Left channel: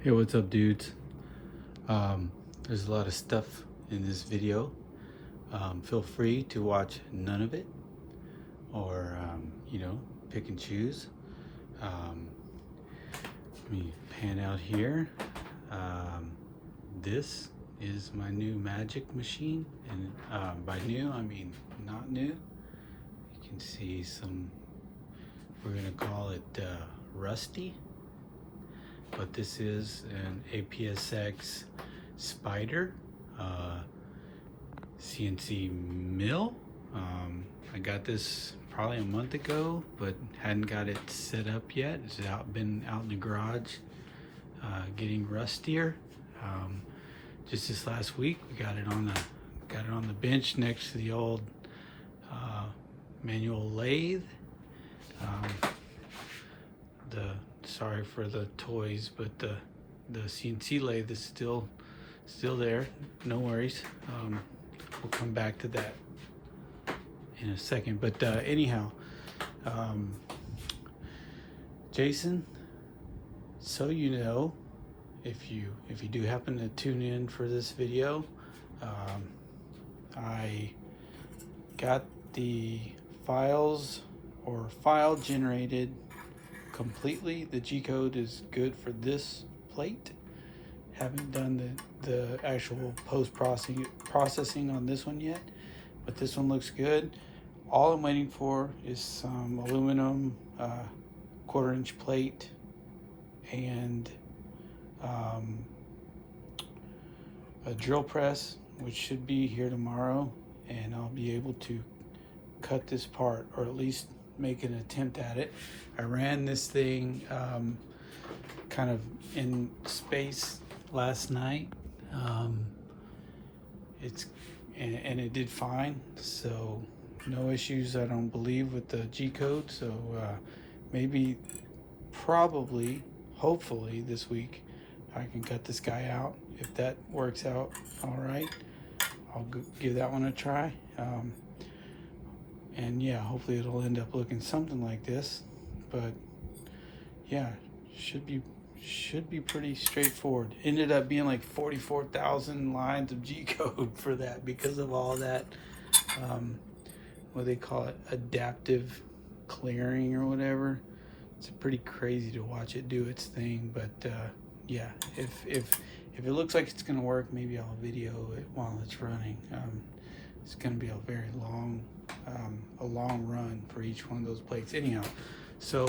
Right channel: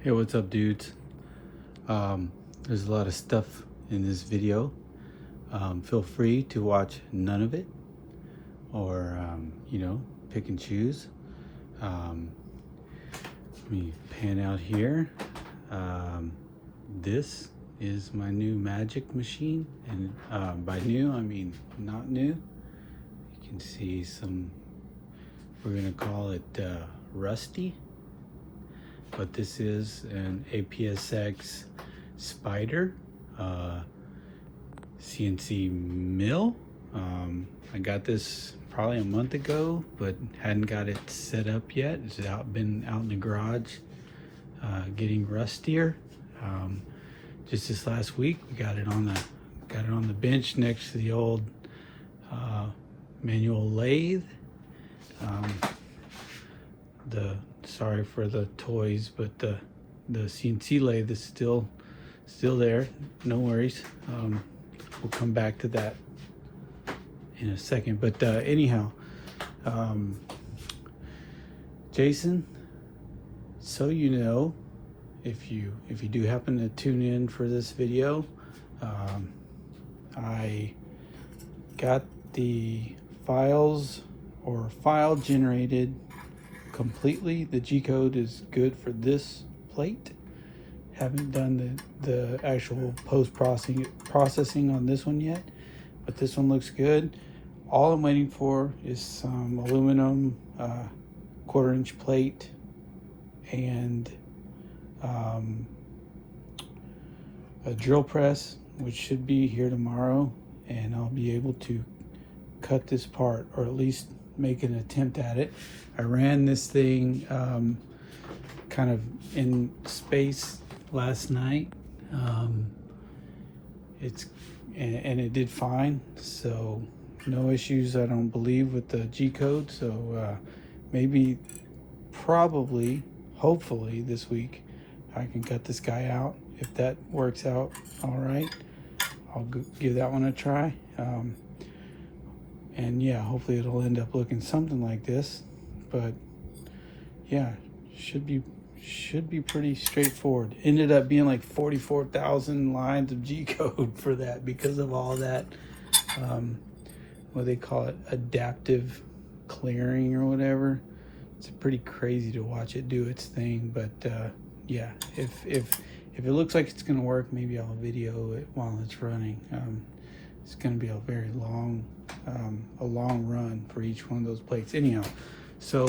Hey, what's up, dudes? There's a lot of stuff in this video. Feel free to watch none of it, or pick and choose. Let me pan out here. This is my new magic machine, and by new I mean not new. You can see some, we're gonna call it rusty, but this is an APSX Spider CNC mill. I got this probably a month ago, but hadn't got it set up yet. It's been out in the garage, getting rustier. Just this last week, we got it on the bench next to the old manual lathe. Sorry for the toys, but the CNC lathe is still there. No worries. We'll come back to that in a second. But anyhow, Jason, so you know, if you do happen to tune in for this video, I got the files or file generated completely. The G code is good for this plate. Haven't done the actual processing on this one yet, but this one looks good. All I'm waiting for is some aluminum 1/4 inch plate and a drill press, which should be here tomorrow, and I'll be able to cut this part, or at least make an attempt at it. I ran this thing kind of in space last night. It did fine, so no issues, I don't believe, with the G code. So probably, hopefully this week I can cut this guy out. If that works out all right, I'll give that one a try. And yeah, hopefully it'll end up looking something like this. But yeah, should be pretty straightforward. Ended up being like 44,000 lines of G code for that, because of all that what they call it, adaptive clearing or whatever. It's pretty crazy to watch it do its thing. But yeah, if it looks like it's gonna work, maybe I'll video it while it's running. It's gonna be a very long run for each one of those plates. Anyhow, so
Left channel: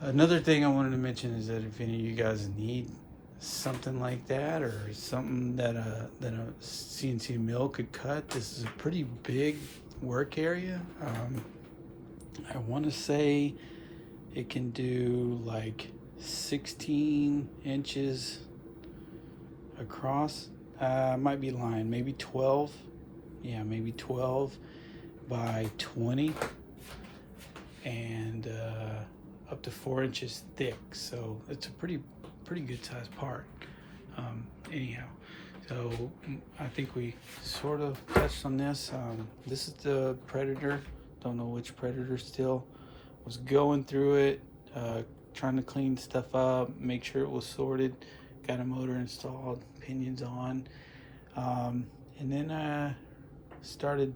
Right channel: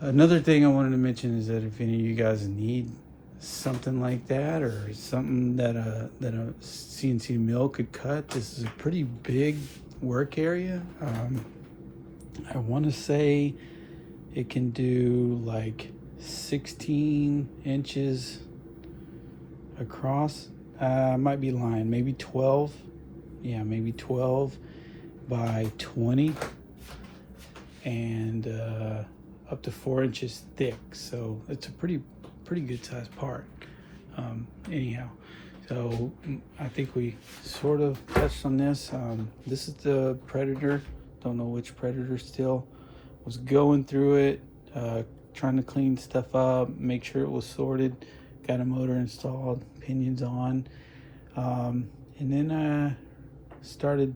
another thing I wanted to mention is that if any of you guys need something like that, or something that a CNC mill could cut, this is a pretty big work area. I want to say it can do like 16 inches across. I might be lying, maybe 12. Yeah, maybe 12 by 20, and up to 4 inches thick. So it's a pretty good sized part. Anyhow, so I think we sort of touched on this. This is the Predator. Don't know which Predator still. Was going through it, trying to clean stuff up, make sure it was sorted. Got a motor installed, pinions on, and then started,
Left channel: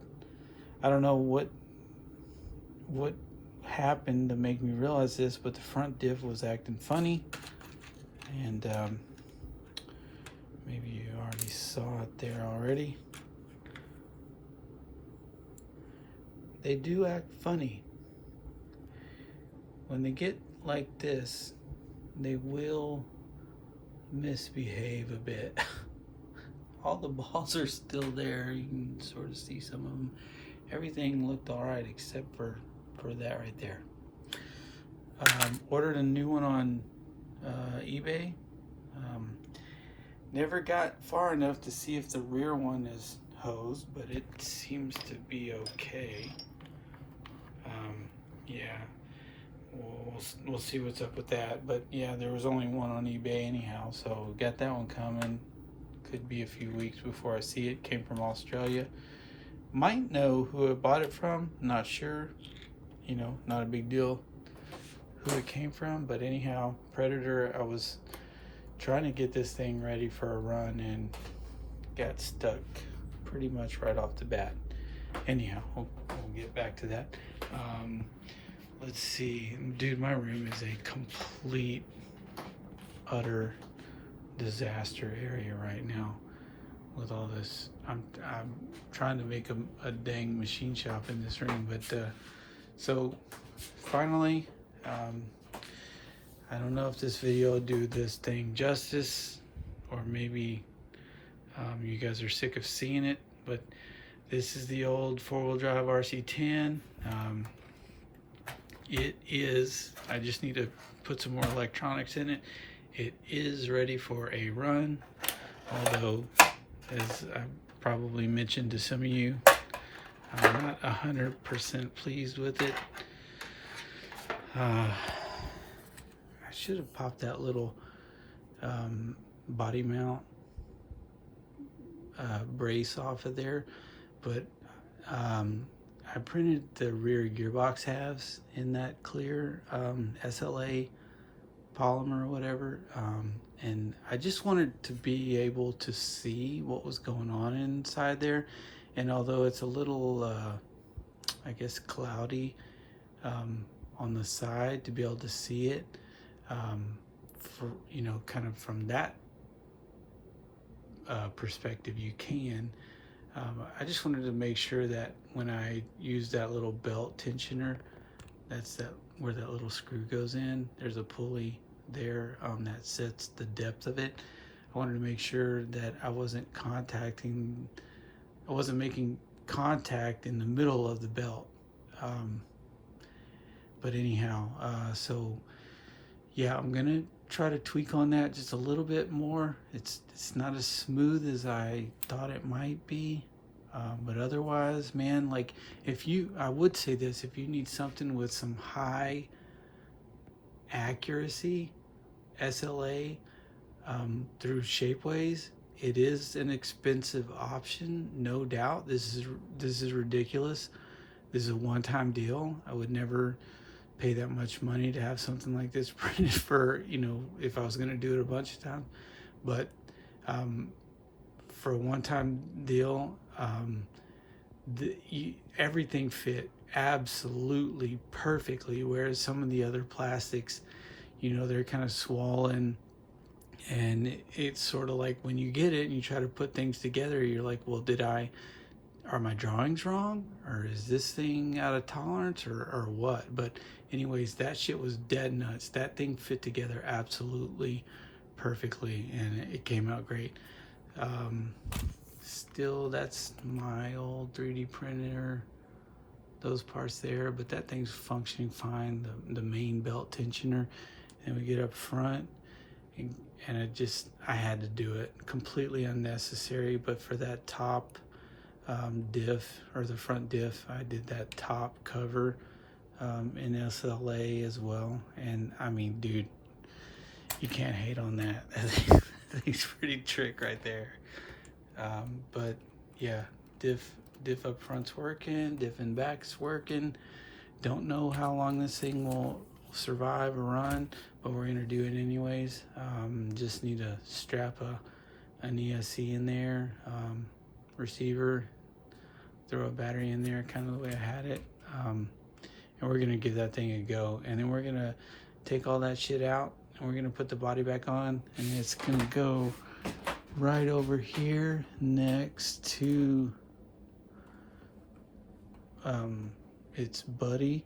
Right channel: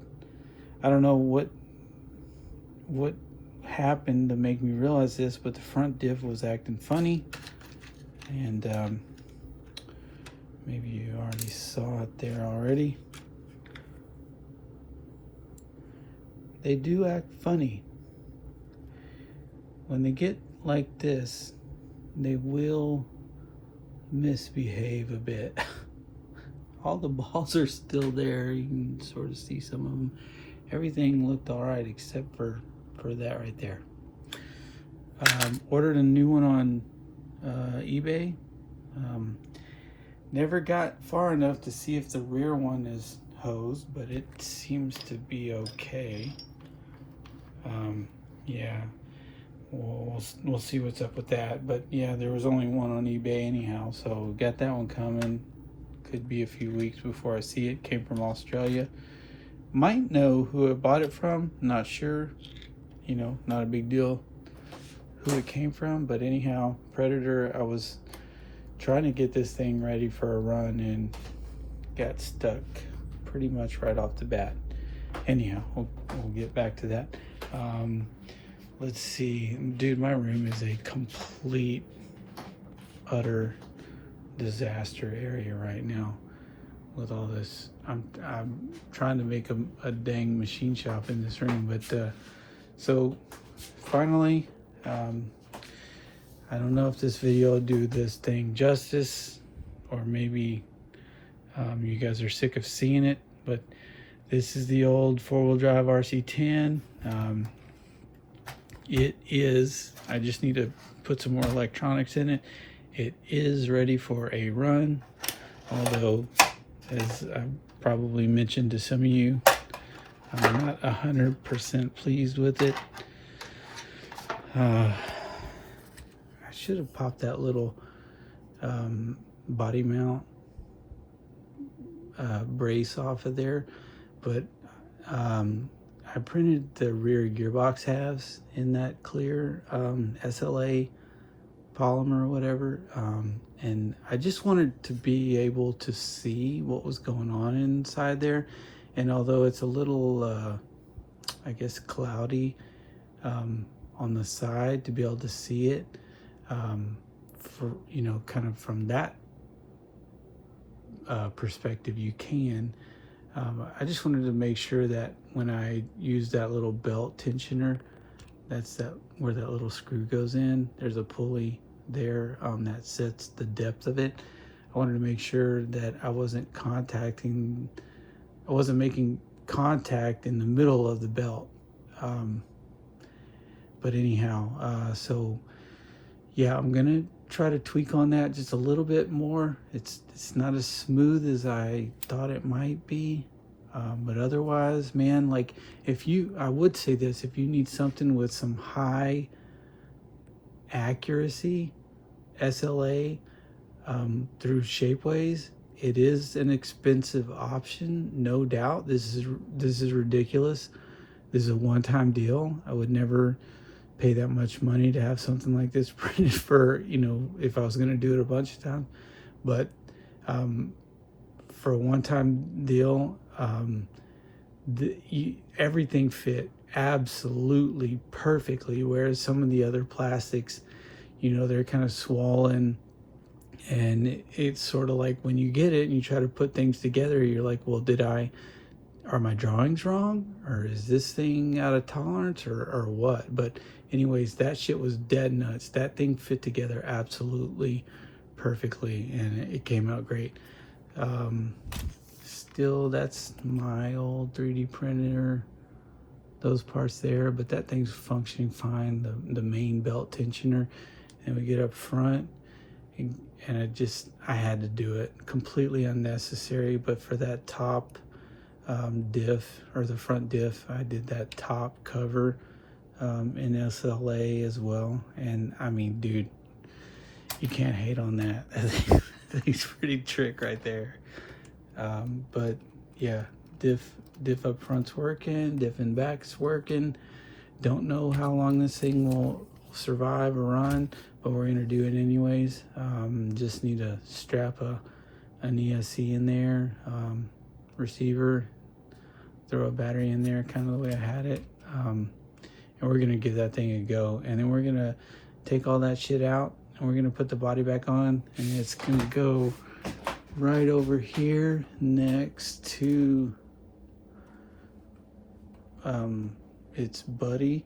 I don't know what happened to make me realize this, but the front diff was acting funny, and maybe you already saw it there already. They do act funny. When they get like this, they will misbehave a bit. All the balls are still there. You can sort of see some of them. Everything looked all right except for that right there. Ordered a new one on eBay. Never got far enough to see if the rear one is hosed, but it seems to be okay. Yeah, we'll see what's up with that. But yeah, there was only one on eBay anyhow, so got that one coming. Could be a few weeks before I see it. Came from Australia. Might know who I bought it from, not sure. Not a big deal who it came from. But anyhow, Predator, I was trying to get this thing ready for a run and got stuck pretty much right off the bat. Anyhow, we'll get back to that. Let's see, dude, my room is a complete, utter disaster area right now with all this. I'm trying to make a dang machine shop in this room, but so finally, I don't know if this video will do this thing justice, or maybe you guys are sick of seeing it, but this is the old four-wheel drive RC10. It is, I just need to put some more electronics in it. It is ready for a run, although, as I probably mentioned to some of you, I'm not 100% pleased with it. I should have popped that little body mount brace off of there, but I printed the rear gearbox halves in that clear SLA polymer or whatever, and I just wanted to be able to see what was going on inside there. And although it's a little I guess cloudy on the side, to be able to see it for, you know, kind of from that perspective you can. I just wanted to make sure that when I use that little belt tensioner, that's where that little screw goes in. There's a pulley there that sets the depth of it. I wanted to make sure that I wasn't making contact in the middle of the belt. But anyhow, so yeah, I'm gonna try to tweak on that just a little bit more. It's not as smooth as I thought it might be, but otherwise, man, like I would say this, if you need something with some high accuracy SLA through Shapeways, it is an expensive option, no doubt. This is ridiculous. This is a one-time deal. I would never pay that much money to have something like this printed for, you know, if I was going to do it a bunch of times. But for a one-time deal, everything fit absolutely perfectly, whereas some of the other plastics, you know, they're kind of swollen, and it's sort of like when you get it and you try to put things together, you're like, well, are my drawings wrong, or is this thing out of tolerance, or what? But anyways, that shit was dead nuts. That thing fit together absolutely perfectly, and it came out great. Still, that's my old 3D printer, those parts there, but that thing's functioning fine, the main belt tensioner. And we get up front, and I had to do it. Completely unnecessary, but for that top diff, or the front diff, I did that top cover in SLA as well. And I mean, dude, you can't hate on that. That's pretty trick right there. But yeah, diff up front's working, diff in back's working. Don't know how long this thing will survive or run, but we're gonna do it anyways. Just need to strap an ESC in there, receiver, throw a battery in there, kind of the way I had it, and we're gonna give that thing a go. And then we're gonna take all that shit out, and we're gonna put the body back on, and it's gonna go right over here next to its buddy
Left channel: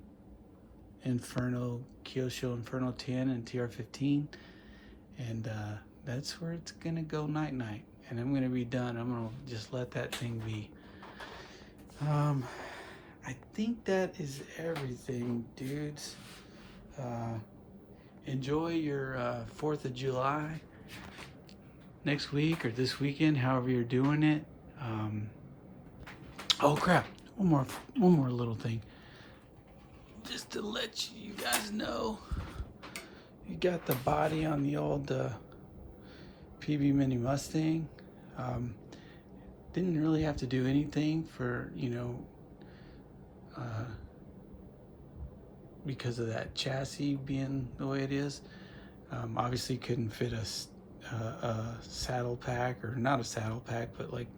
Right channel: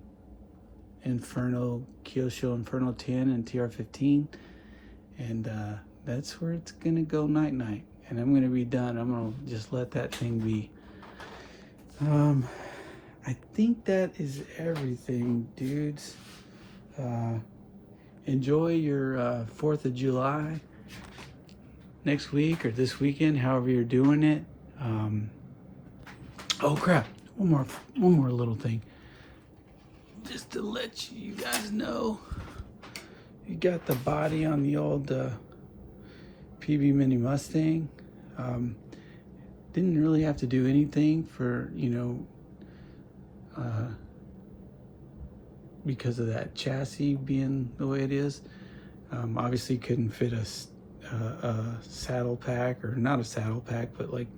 Kyosho Inferno 10 and TR15, and that's where it's gonna go night night. And I'm gonna be done. I'm gonna just let that thing be. I think that is everything, dudes. Enjoy your 4th of July next week or this weekend, however you're doing it. Oh crap, one more little thing. Just to let you guys know, you got the body on the old PB Mini Mustang. Didn't really have to do anything for, you know, because of that chassis being the way it is. Obviously couldn't fit a a saddle pack, or not a saddle pack, but like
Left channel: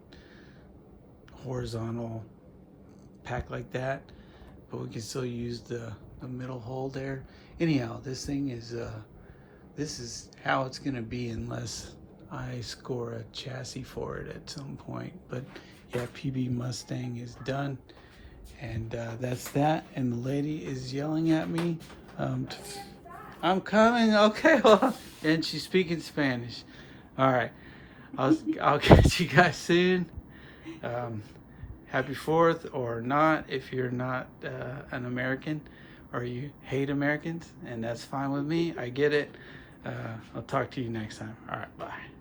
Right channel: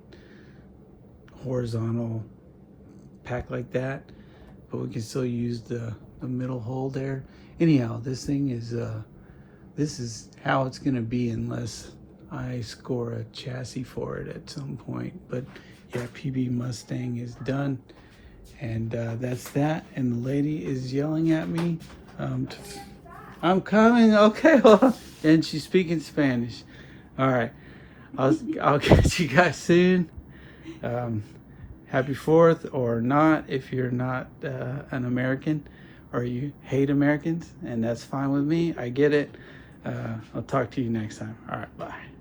horizontal pack like that, but we can still use the middle hole there. Anyhow, this thing is this is how it's gonna be unless I score a chassis for it at some point. But yeah, PB Mustang is done, and that's that. And the lady is yelling at me, I'm coming. Okay, well, and she's speaking Spanish. All right, I'll catch you guys soon. Happy 4th, or not if you're not an American, or you hate Americans, and that's fine with me. I get it. I'll talk to you next time. All right, bye.